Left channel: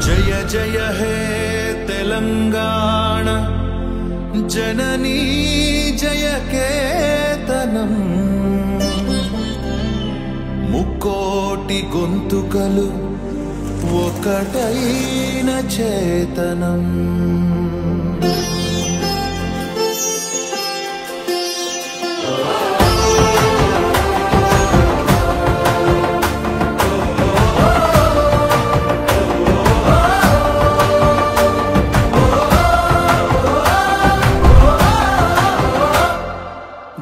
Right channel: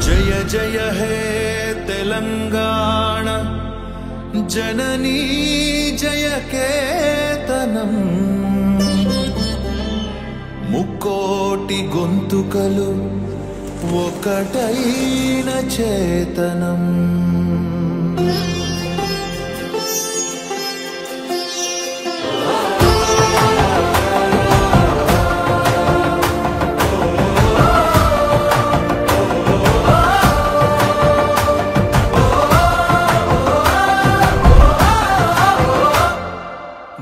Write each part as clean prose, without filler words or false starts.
जय जय हे तेलंगाण जननी जय केतनम मुक्कोटि गोंतुकलु ఒకటైన చేతనం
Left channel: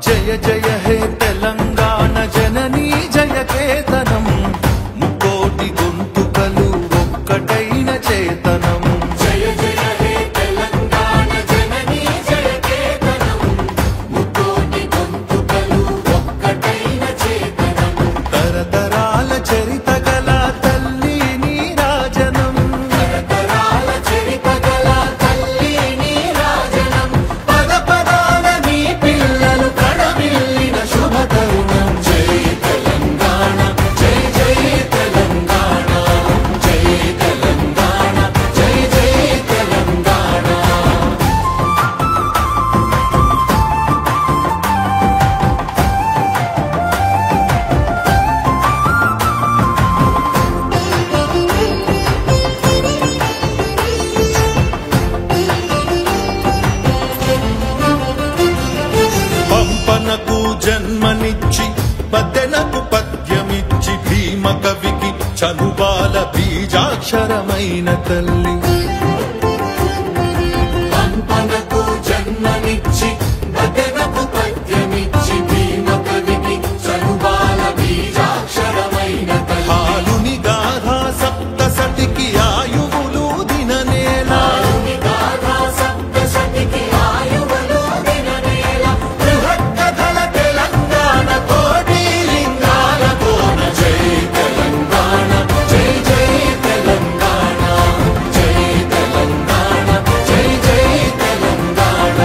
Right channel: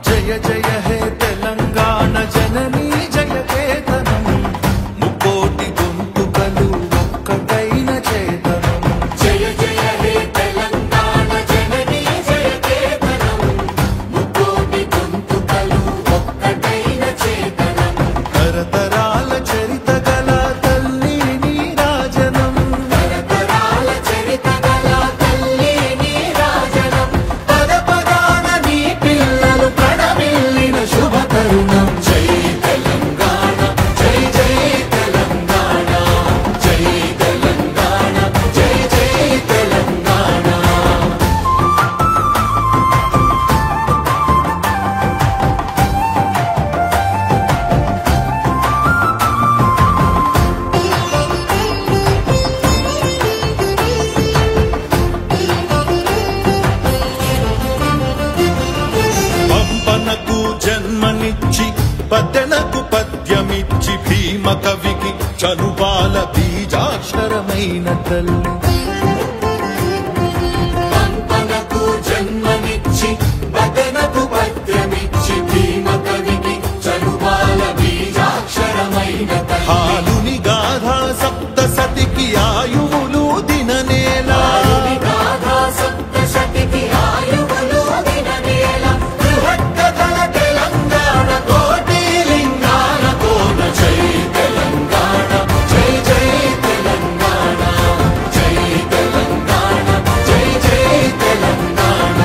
జయ జయ హే తెలంగాణ జననీ జయ కేతనం ముకోటి గొంతుకలు ఒక్కటైన చేతనం జయ జయ హే తెలంగాణ జననీ జయ కేతనం ముకోటి గొంతుకలు ఒక్కటైన చేతనం తరతరాల చరిత గల తల్లి నీరాజనం తరతరాల చరిత గల తల్లి నీరాజనం పద పదాన నీ పిల్లలు కడమిల్లిన శుభ తరుణం జై తెలంగాణ జై జై తెలంగాణ జై తెలంగాణ జై జై తెలంగాణ పంపనకు జన్మనిచ్చి పద్దెనకు పద్యమిచ్చి భీమ కవికి చనుబాల బీజాక్షరమైన తల్లి పంపనకు జన్మనిచ్చి పద్దెనకు పద్యమిచ్చి భీమ కవికి చనుబాల బీజాక్షరమైన తల్లి ఆలుని గాథా సప్తసతికి ఆయువులు దిననేల ఆలుని గాథా సప్తసతికి ఆయువులు దిననేల బృహత్తర తెలంగాణ కోటి లింగాల కోన జై తెలంగాణ జై జై తెలంగాణ జై తెలంగాణ జై జై తెలంగాణ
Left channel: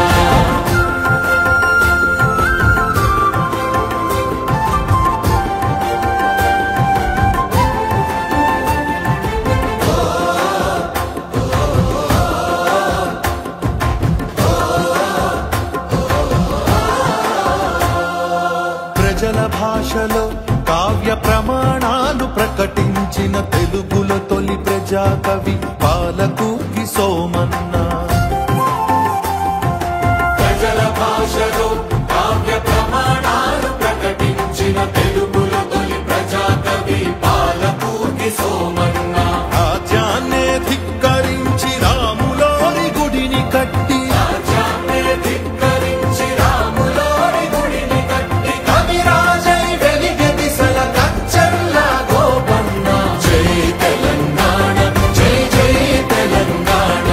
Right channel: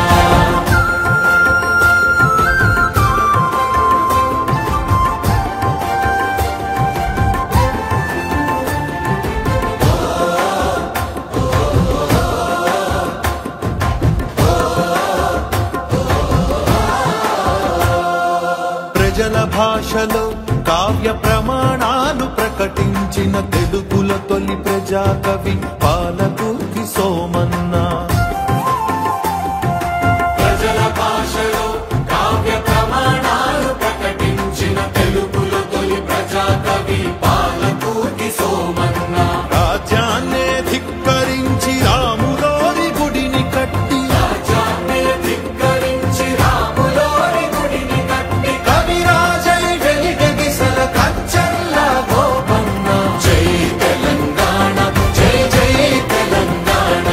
ప్రజల భాషలో కావ్య ప్రమాణాలు ప్రకటించిన తెలుగుల తొలి ప్రజాకవి పాలకుకి సోమన్న ప్రజల భాషలో కావ్య ప్రమాణాలు ప్రకటించిన తెలుగుల తొలి ప్రజాకవి పాలకుకి సోమన్న రాజ్యాన్నే ధిక్కరించి రాములోని గుడిని కట్టి రాజ్యాన్నే ధిక్కరించి రాములోని గుడిని కట్టి కవిరాజై వెలిగెదిసిన కచ్చల్ల గోపన్న జై తెలంగాణ జై జై తెలంగాణ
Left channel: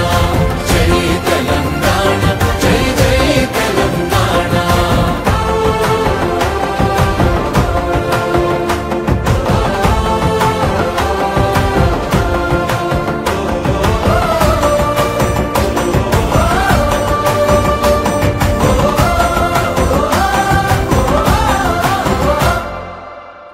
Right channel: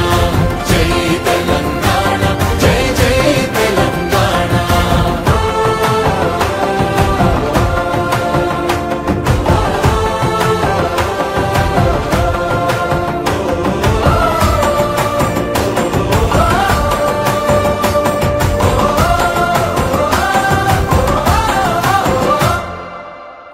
జై తెలంగాణ జై జై తెలంగాణ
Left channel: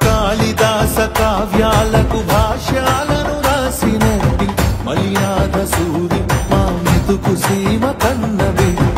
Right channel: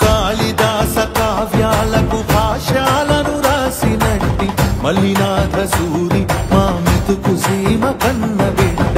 కాళిదాస కావ్యాలకు భాష్యాలను రాసినట్టి మలినాథ సూరి మా మెతుకు సీమ కన్న బిడ్డ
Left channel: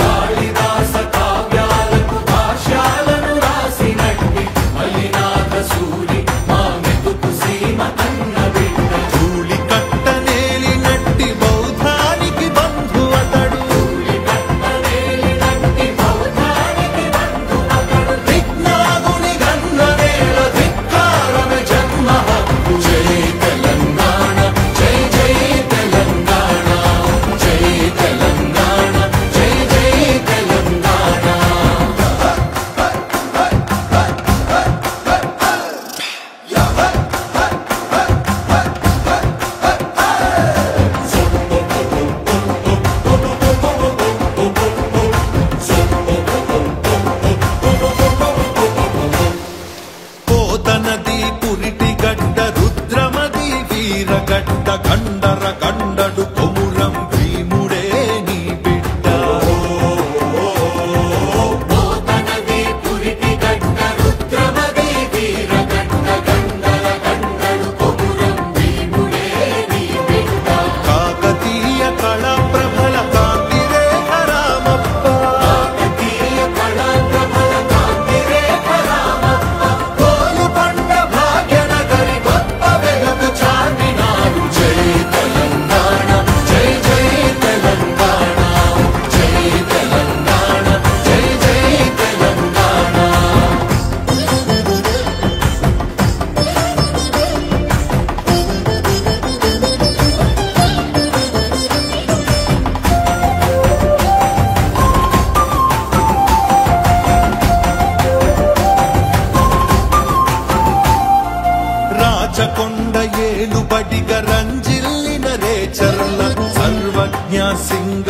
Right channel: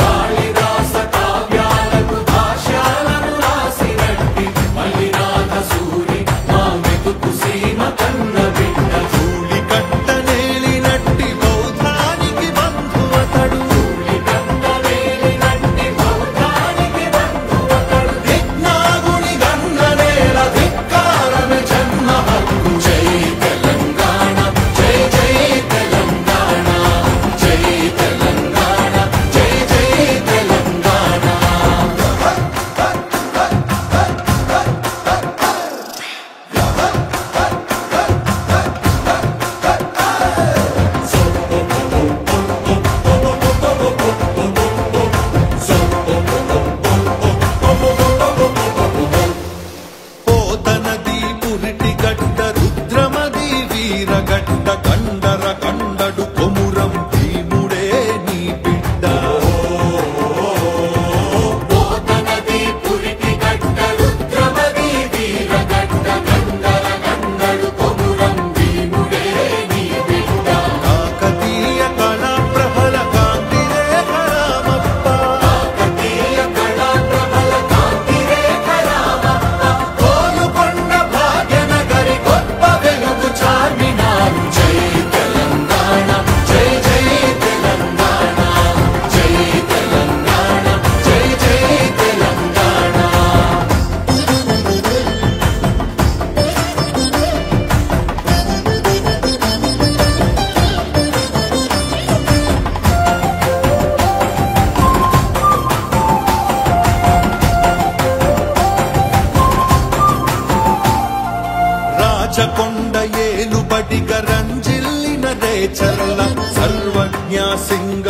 కాళిదాస కావ్యాలకు భాష్యాలను రాసినట్టి మలినాథ సూరి మా మెతుకు సీమ కన్న బిడ్డ ధూళి కట్ట నేలినట్టి బౌద్ధానికి బంధు అతడు ధూళి కట్ట నేలినట్టి బౌద్ధానికి బంధు అతడు విజ్ఞాగుని గన్న నేల ధిక్కారమే జన్మ హక్కు జై తెలంగాణ జై జై తెలంగాణ సింగ